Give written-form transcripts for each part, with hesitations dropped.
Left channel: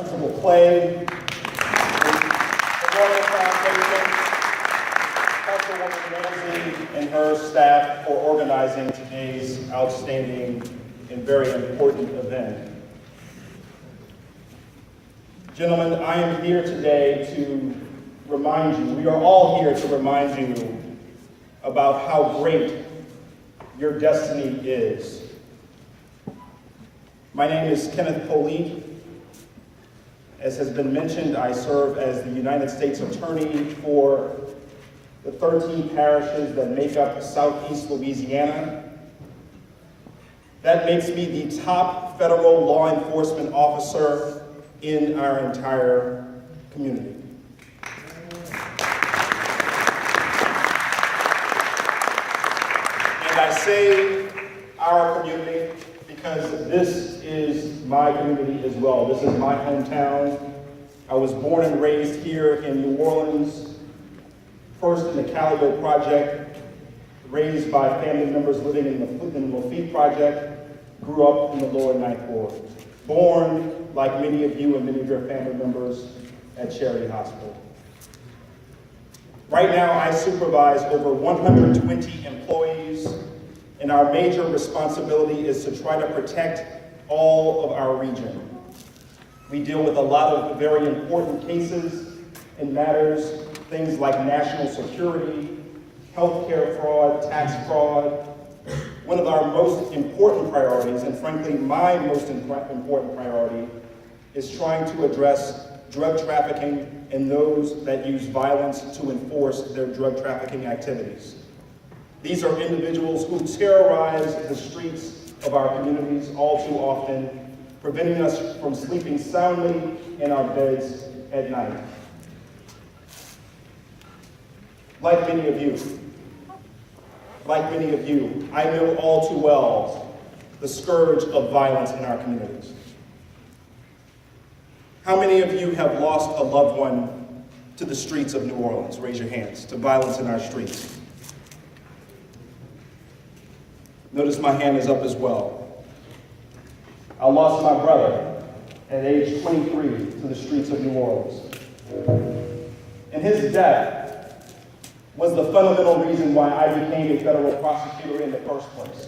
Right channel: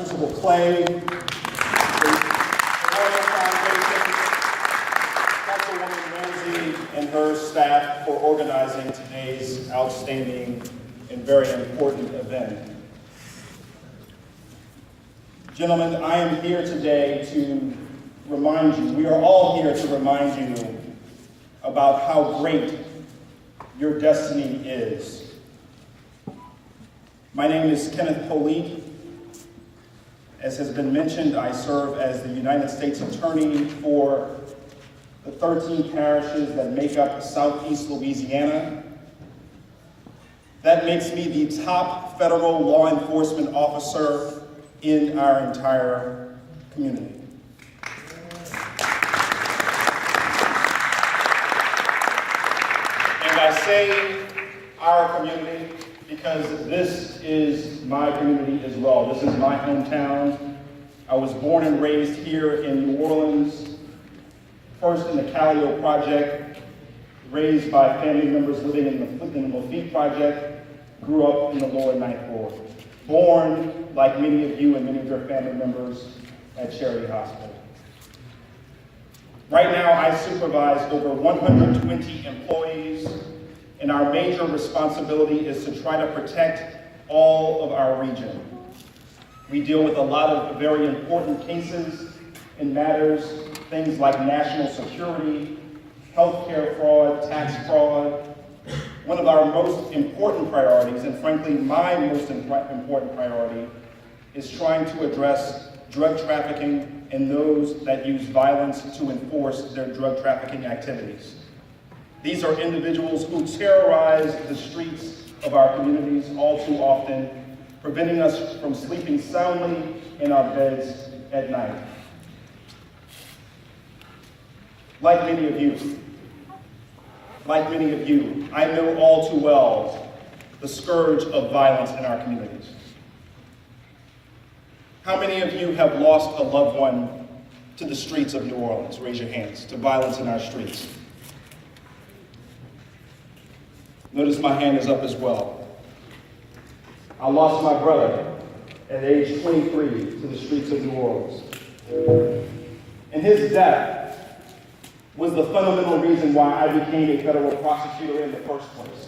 Principal Clay, the Royal Foundation, Councilmember Ramsey, and her staff for organizing today's outstanding and very important event. Gentlemen, I am here today to remind you, we are all here to remind you about how great your destiny is. My name is Kenneth Polite. As has been mentioned, I serve as the United States Attorney for the 13 parishes that make up Southeast Louisiana. That makes me the top federal law enforcement officer in our entire community. And I say our community because this is my community as well. This is my hometown. I was born and raised here in New Orleans, first in the Calio Project, raised by family members living in the Lafitte Project, grew up in the Lower Ninth Ward. Born, like many of you and many of your family members, at Charity Hospital. Right now, I supervise over 120 employees, and our major responsibility is to try to protect all of our region. We deal with a lot of very important cases and matters, things like national security, healthcare fraud, tax fraud. One of our most important priorities, and frankly my most important priority, is trying to address drug trafficking and those that use violence to enforce their drug trafficking activities. These are individuals who terrorize the streets of our communities all too often, preventing us from sleeping soundly in our beds at night. Like many of you, I know all too well the scourge of violence in our communities. How many of you have lost a loved one to the streets of New Orleans? Raise your hands. To violence in our streets. Notice my hand is up as well. I lost my brother at age 23 to the streets of New Orleans. And his death was the fundamental reason why I became a federal prosecutor in the first place.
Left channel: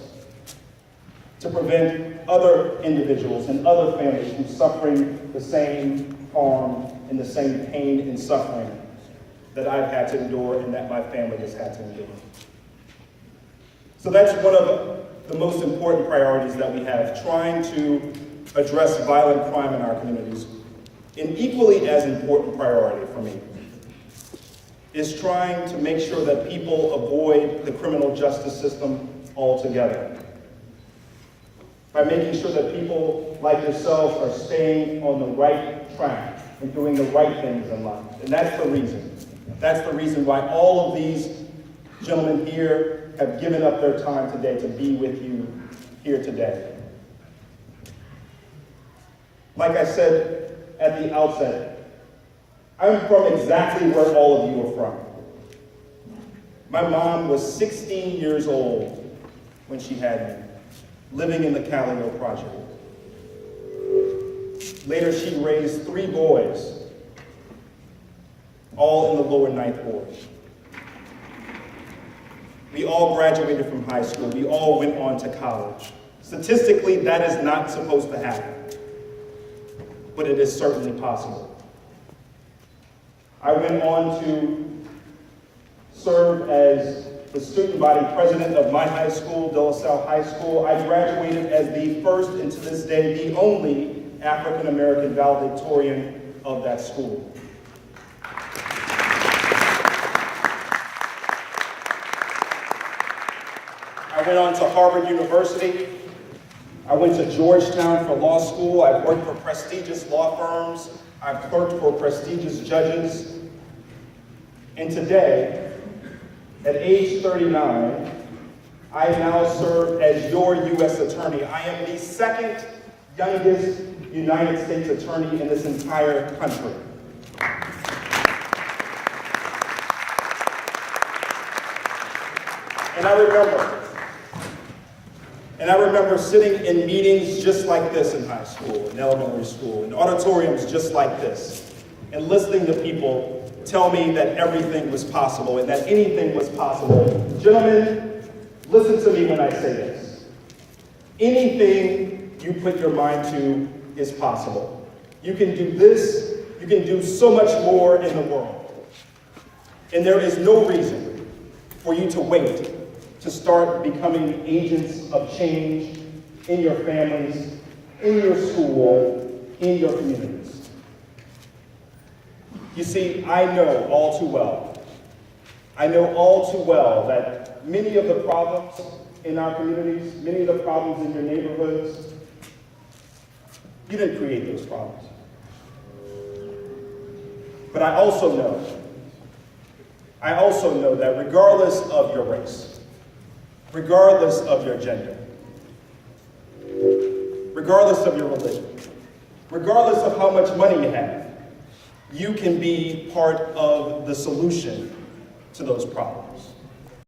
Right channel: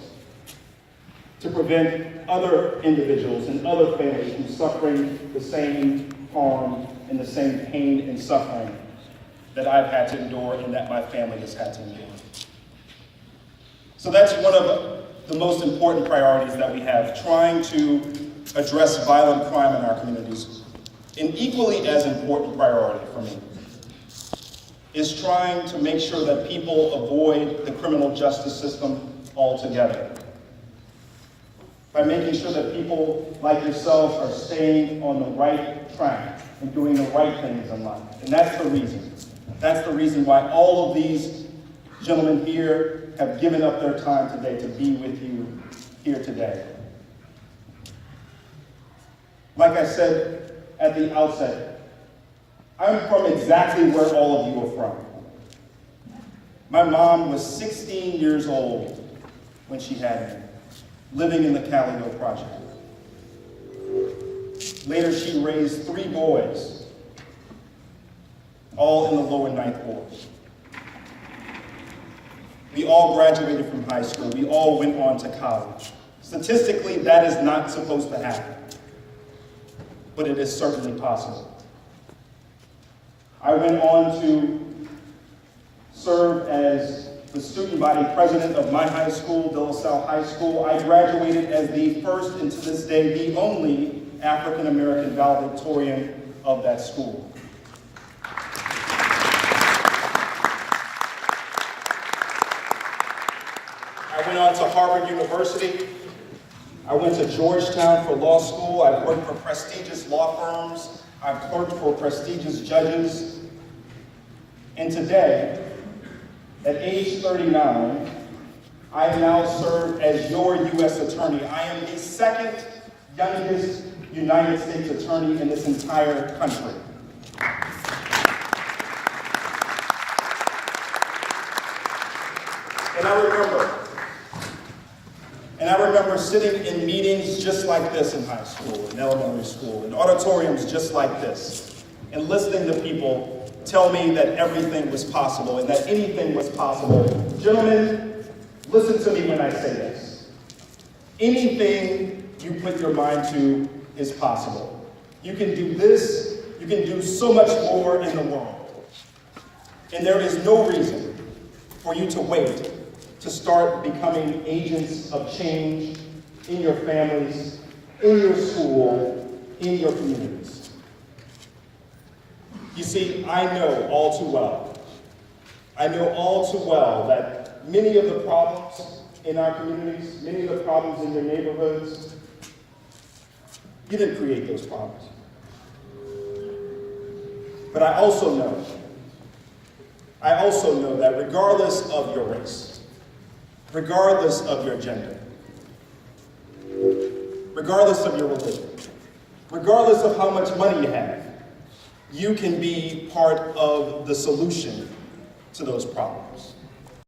To prevent other individuals and other families from suffering the same harm and the same pain and suffering that I've had to endure and that my family has had to endure. So that's one of the most important priorities that we have, trying to address violent crime in our communities. An equally as important priority for me is trying to make sure that people avoid the criminal justice system altogether. By making sure that people like yourselves are staying on the right track and doing the right things in life. And that's the reason. That's the reason why all of these gentlemen here have given up their time today to be with you here today. Like I said at the outset, I'm from exactly where all of you are from. My mom was 16 years old when she had me, living in the Calio Project. Later, she raised 3 boys, all in the Lower Ninth Ward. We all graduated from high school. We all went on to college. Statistically, that is not supposed to happen, but it is certainly possible. I went on to serve as the student body president of my high school, De La Salle High School. I graduated as the first, and to this day, the only African-American valedictorian of that school. I went on to Harvard University. I went to Georgetown for law school. I've worked for prestigious law firms. I've clerked for prestigious judges. And today, at age 39, I now serve as your U.S. Attorney. I am the second youngest United States Attorney in this entire country. And I remember And I remember sitting in meetings just like this in high school, in elementary school, in auditoriums just like this, and listening to people tell me that everything was possible and that anything was possible. Gentlemen, listen to me when I say this. Anything you put your mind to is possible. You can do this, you can do so much more in the world. And there is no reason for you to wait to start becoming agents of change in your families, in your school, in your communities. You see, I know all too well that many of the problems in our communities, many of the problems in your neighborhoods, you didn't create those problems. But I also know that regardless of your race, regardless of your gender, regardless of your religion, regardless of how much money you have, you can be part of the solution to those problems.